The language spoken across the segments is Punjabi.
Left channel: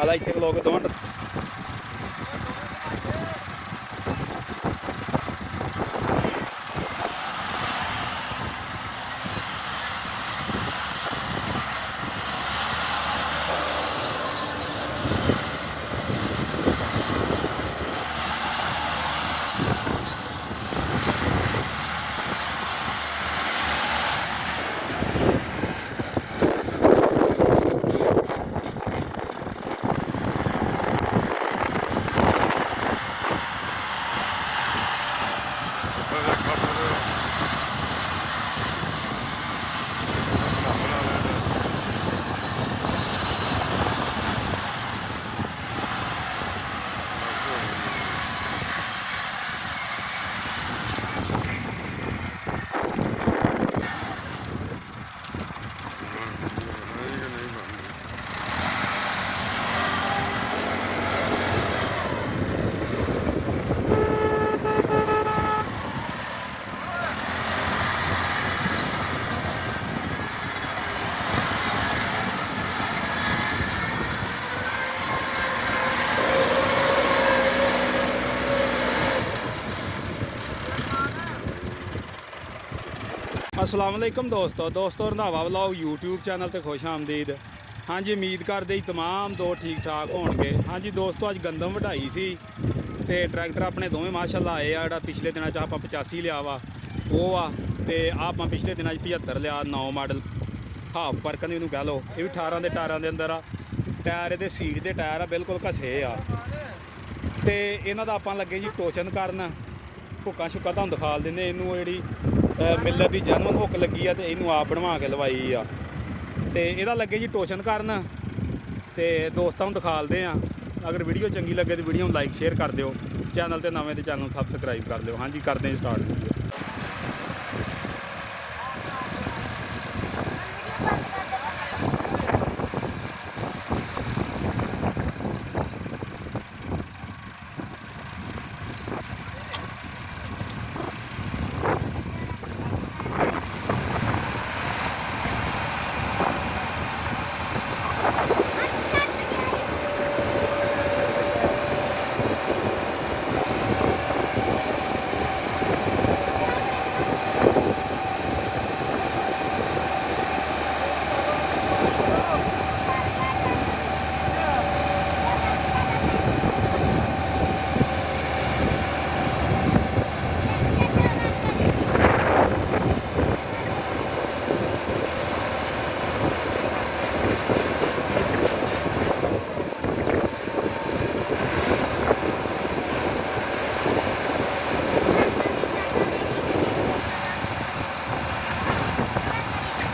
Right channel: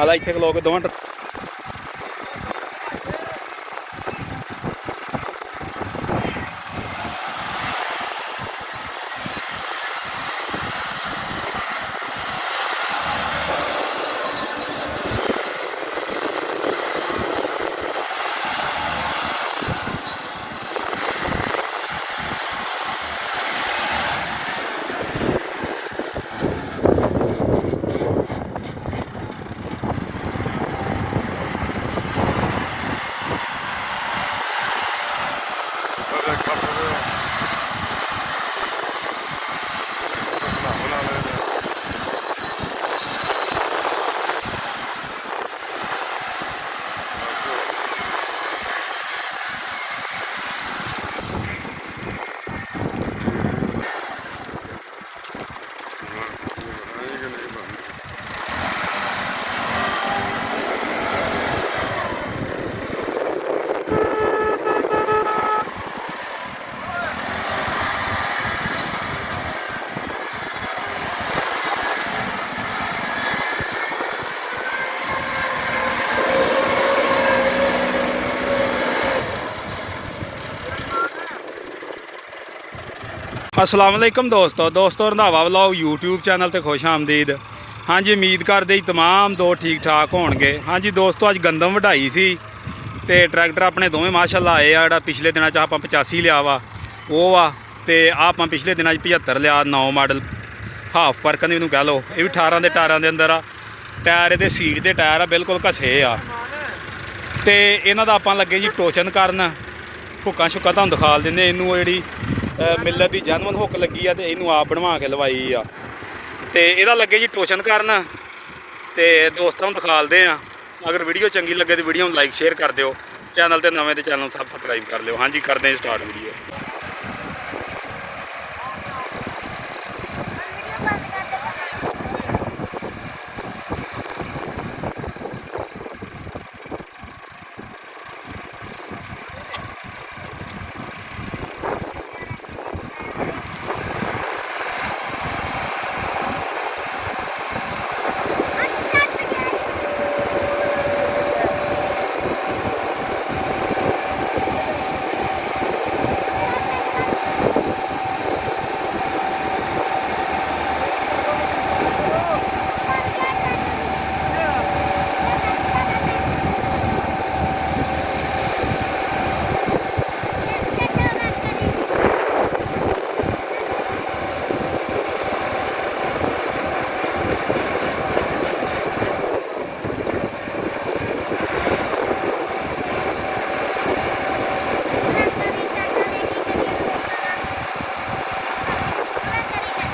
ਆਲਾ ਇੱਥੇ ਖਲੋ ਕੇ ਦੋਵਾਂ असलामुअलैकुम दोस्तों रंधावा व्लॉग यूट्यूब चैनल ते खुश आमदीद। हाँ जी, उम्मीद करते तमाम दो ठीक ठाक होणगे। हाँ जी दोस्तों, अज गंदम वढाई सी ते ट्रैक्टर अपने दोवें माशाअल्लाह आए आ। पिछले दिनों आप 85 लिया वा वो आ, ते आप पिछले दिनों 75 लिया 9 मॉडल हाफ परकन भी कह लो। ये भी 18 के टायरों के अंदर आ। टायर ये सीट के टायर आ, बिल्कुल घसे आ। तो इन्हों का आप लगे जी टोचन करन। हुक्कां शुक्कां तुहानूं दिखा दिंदे। इनू जी मिलर की जैनवन हुक लगी आ, तो इनू आप बनवा के लवाई आ। तो यदा लगे जी टोचन करन। तो दोस्तों दिखाते हैं। अगर वीडियो चंगी लगे तो वीडियो लाइक शेयर कर दियो। चैनल तो नवें तो चैनल सबसक्राइब कर लियो। हाँ जी, करते हैं स्टार्ट वीडियो।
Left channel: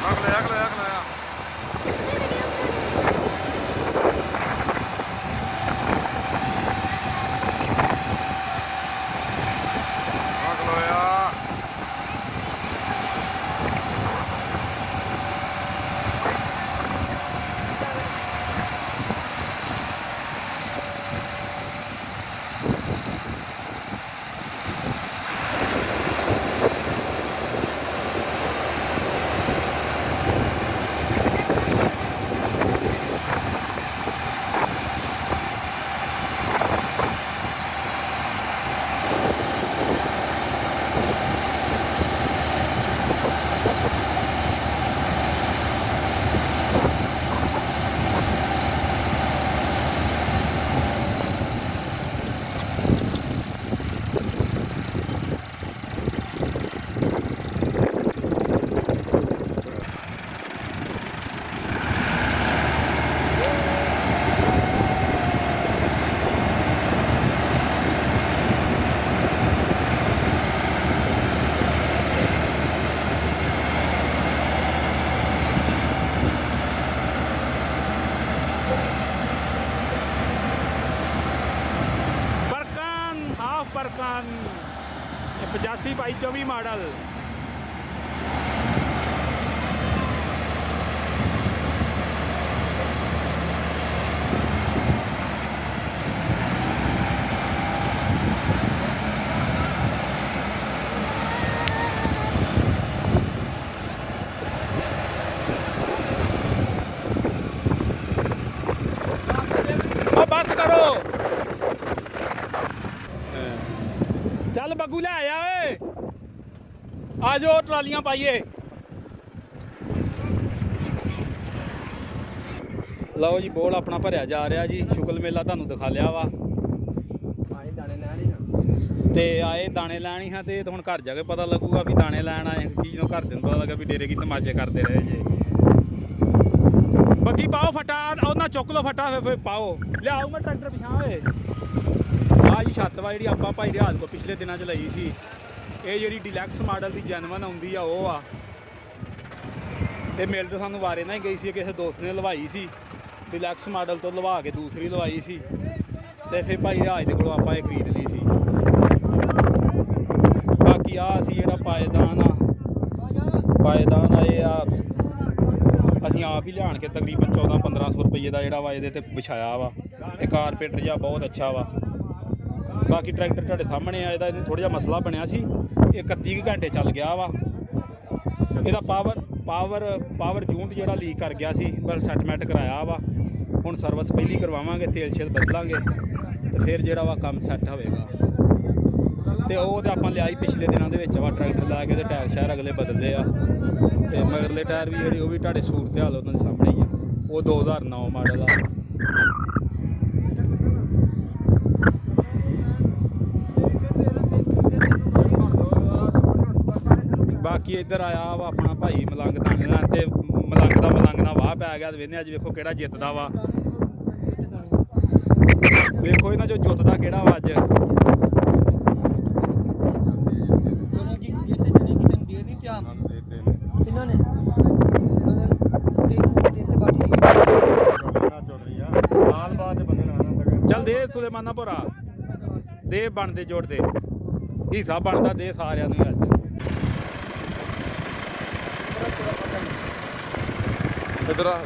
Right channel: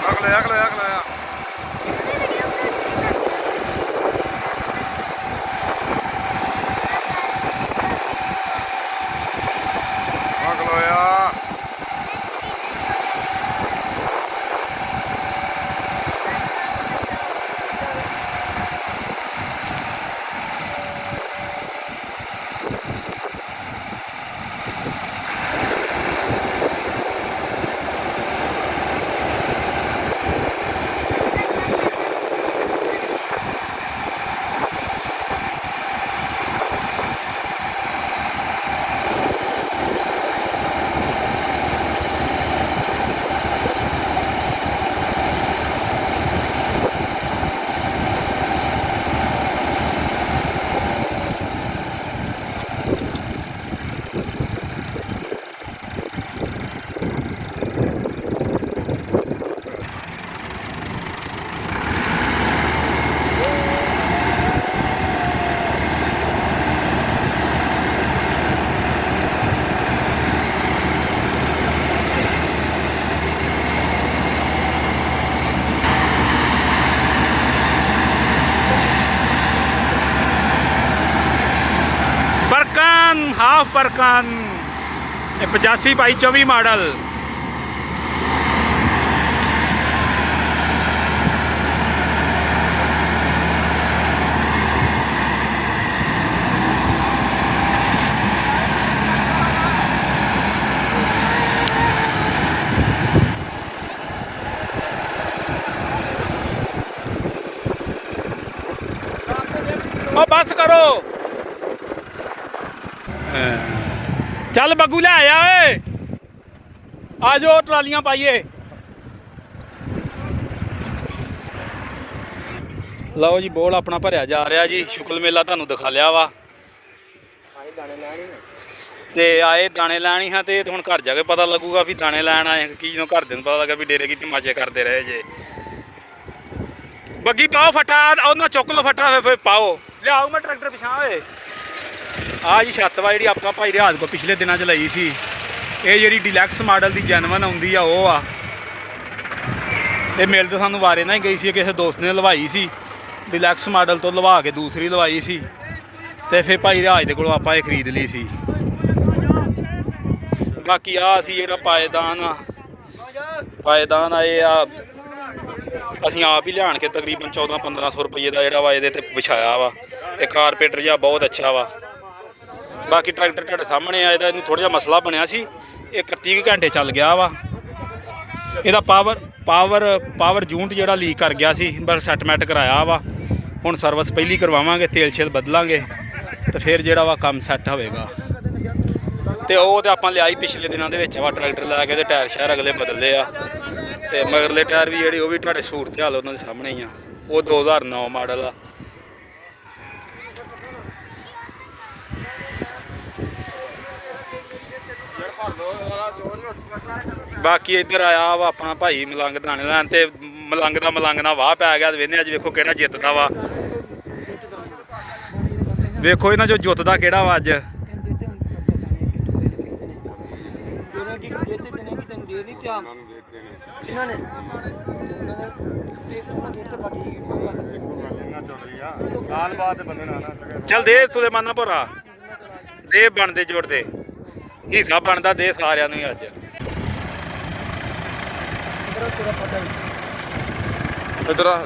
अगला हाफ परकन 85/24 मॉडल। ਬਸ ਕਰੋ। ਚੱਲ ਬੱਗੂ ਲੈ ਆਇਆ ਓਏ, ਆ ਜਾਓ ਟਰਾਲੀਆਂ ਪਾਈਏ। ਲਓ ਜੀ ਬੋਲ ਆਪਣਾ ਭਰਿਆ ਜਾ ਰਿਹਾ ਜੀ। ਸ਼ੁਕਲ ਮੇਲਾ ਤੁਹਾਨੂੰ ਦਿਖਾ ਲਿਆ ਵਾ ਤੇ ਆਏ ਦਾਣੇ ਲੈਣੀ ਹਾਂ ਤੇ ਹੁਣ ਘਰ ਜਾ ਕੇ ਪਤਾ ਲੱਗੂਗਾ ਵੀ ਦਾਣੇ ਲੈਣ ਆਏ ਕੀ। ਜਦੋਂ ਘਰ ਦੇ ਨੂੰ ਪਤਾ ਲੱਗਾ ਵੀ ਡੇਰੇ ਕੀ ਤਮਾਸ਼ੇ ਕਰਦੇ ਰਹੇ ਜੇ। ਬੱਗੀ ਪਾਓ ਫਟਾ, ਉਹਨਾਂ ਚੁੱਕ ਲਓ ਫਟਾ ਫਿਰ ਪਾਓ। ਲਿਆਓ ਮੈਂ ਟਰੈਕਟਰ ਪਿਛਾਂ ਓਏ। ਆਹ ਜੀ ਛੱਤ ਵਾ ਜਿਹੜੀ ਆਪਾਂ ਭਾਈ ਰਿਆਜ਼ ਕੋਲ ਪਿਛਲੇ ਦਿਨਾਂ 'ਚ ਲਈ ਸੀ। ਇਹ ਜਿਹੜੀ ਡਿਲੈਕਸ ਮਾਡਲ ਦੀ ਜੈਨੂਅਨ ਆਉਂਦੀ ਆ ਉਹ ਆ। ਇਹ ਮਿਲ ਤਾਂ ਸਾਨੂੰ ਵਾਰੇ ਨਾਲ ਹੀ ਗਈ ਸੀ, ਕਿਸੇ ਦੋਸਤ ਨੇ ਲਵਾਈ ਸੀ। ਡਿਲੈਕਸ ਮਾਡਲ ਤੋਂ ਲਵਾ ਕੇ ਦੂਸਰੀ ਲਵਾਈ ਸੀ ਤੇ ਫਿਰ ਭਾਈ ਰਿਆਜ਼ ਦੇ ਕੋਲੋਂ ਆਪਾਂ ਇਹ ਖਰੀਦ ਲਈ ਸੀ। ਬਾਕੀ ਆ ਅਸੀਂ ਜਿਹੜਾ ਪਾਏਦਾਨ ਆ ਇਹ ਆ ਅਸੀਂ ਆਪ ਹੀ ਲਿਆਣ ਕੇ ਤਕਰੀਬਨ 1400-1500 ਰੁਪਏ ਦਾ ਜਿਹੜਾ ਵਾ ਇਹਦੇ ਤੇ ਵਿਛਾਇਆ ਵਾ। ਇਹ ਕਾਰਪੇਟਰ ਜਿਹਾ ਬਹੁਤ ਅੱਛਾ ਵਾ। ਬਾਕੀ ਟਰੈਕਟਰ ਤੁਹਾਡੇ ਸਾਹਮਣੇ ਆ। ਇਹਦਾ ਇਹਨੂੰ ਥੋੜ੍ਹਾ ਜਿਹਾ ਮਸਲਾ ਬਣਿਆ ਸੀ, ਇਹ 31 ਘੰਟੇ ਚੱਲ ਗਿਆ ਵਾ। ਇਹਦਾ ਪਾਵਰ ਜੂਨਟ ਜਿਹੜਾ ਲੀਕ ਕਰ ਗਿਆ ਸੀ, ਬਸ ਸੈਟਮੈਂਟ ਕਰਾਇਆ ਵਾ। ਹੁਣ ਸਰਵਿਸ ਪਹਿਲੀ ਕਰਵਾਵਾਂਗੇ, ਤੇਲ ਸ਼ੇਲ ਬਦਲਾਂਗੇ ਤੇ ਫਿਰ ਜਿਹੜਾ ਵਾ ਕੰਮ ਸੈੱਟ ਹੋਵੇਗਾ। ਤੇ ਉਹ ਤੇ ਆਪਾਂ ਲਿਆਈ ਪਿਛਲੇ ਦਿਨਾਂ ਦੇ ਵਿੱਚ ਵਾ ਟਰੈਕਟਰ ਲੈ ਕੇ ਤੇ ਟਾਇਰ ਸ਼ਾਇਰ ਅਗਲੇ ਬਦਲੇ ਆ ਤੇ ਮਗਰਲੇ ਟਾਇਰ ਵੀ ਜਿਹੜੇ ਉਹ ਵੀ ਤੁਹਾਡੇ ਸੂਰਤ ਹਾਲ ਉਹਨਾਂ ਦੇ ਸਾਹਮਣੇ ਹੀ ਆ। ਉਹ 2009 ਮਾਡਲ ਆ। ਬਾਕੀ ਇੱਧਰ ਆਇਆ ਵਾ ਆਪਣਾ ਭਾਈ ਮਲੰਗ ਥਾਣੇ ਲੈਣ ਤੇ ਮਲੰਗ ਨਾਲ ਵਾਹ ਪੈ ਗਿਆ। ਵੇਖਦੇ ਅੱਜ ਵੇਖੋ ਕਿਹੜਾ ਜਿੱਤਦਾ ਵਾ। ਵੇਖੋ ਇਹਨਾਂ ਚੋਂ ਜਿੱਤਦਾ ਕਿਹੜਾ ਵਾ ਅੱਜ। ਚੱਲ ਦੇ ਸੁਲੇਮਾਨਾ ਭਰਾ ਦੇ ਬਣਦੇ ਜੋੜਦੇ ਹਿੱਸਾ ਬਣਦਾ ਦੇ ਸਾਰਿਆਂ ਨੂੰ ਅੱਜ। ਇੱਧਰ ਆ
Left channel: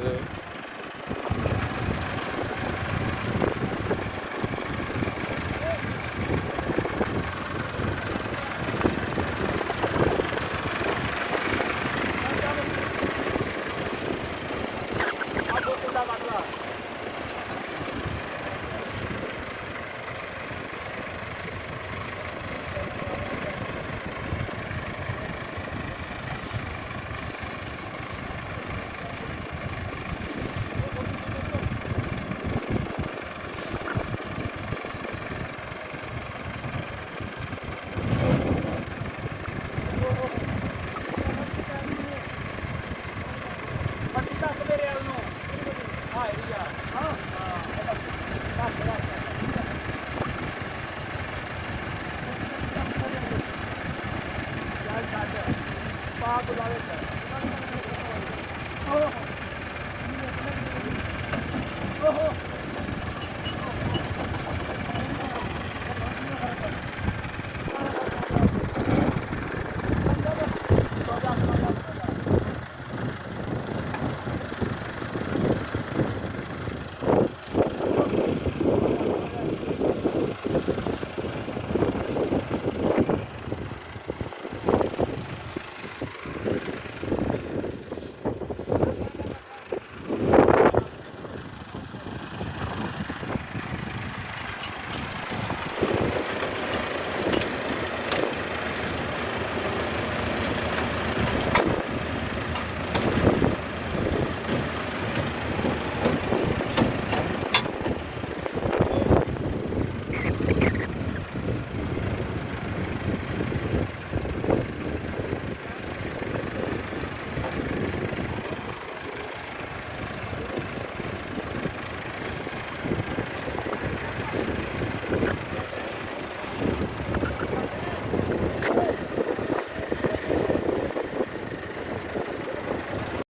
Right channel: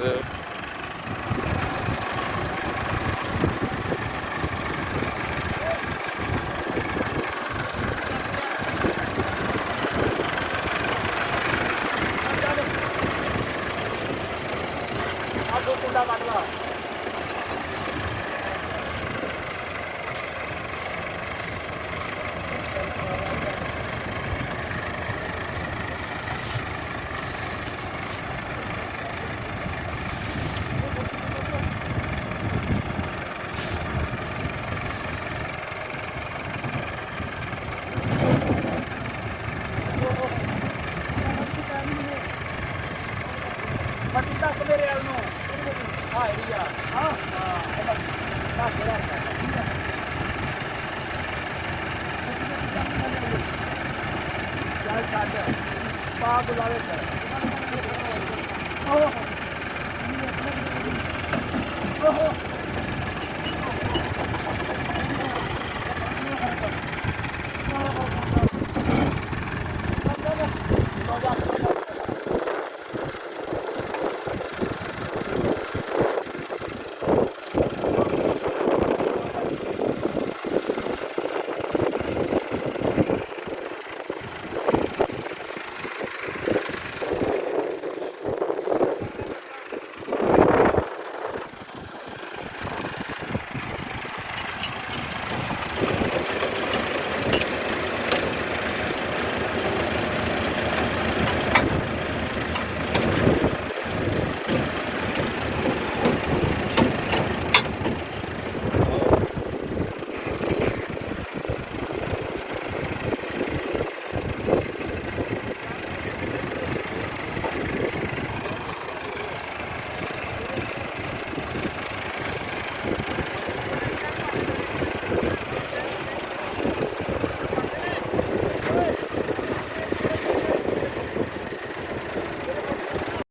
ਪਾ ਬੁਲਾਵੇ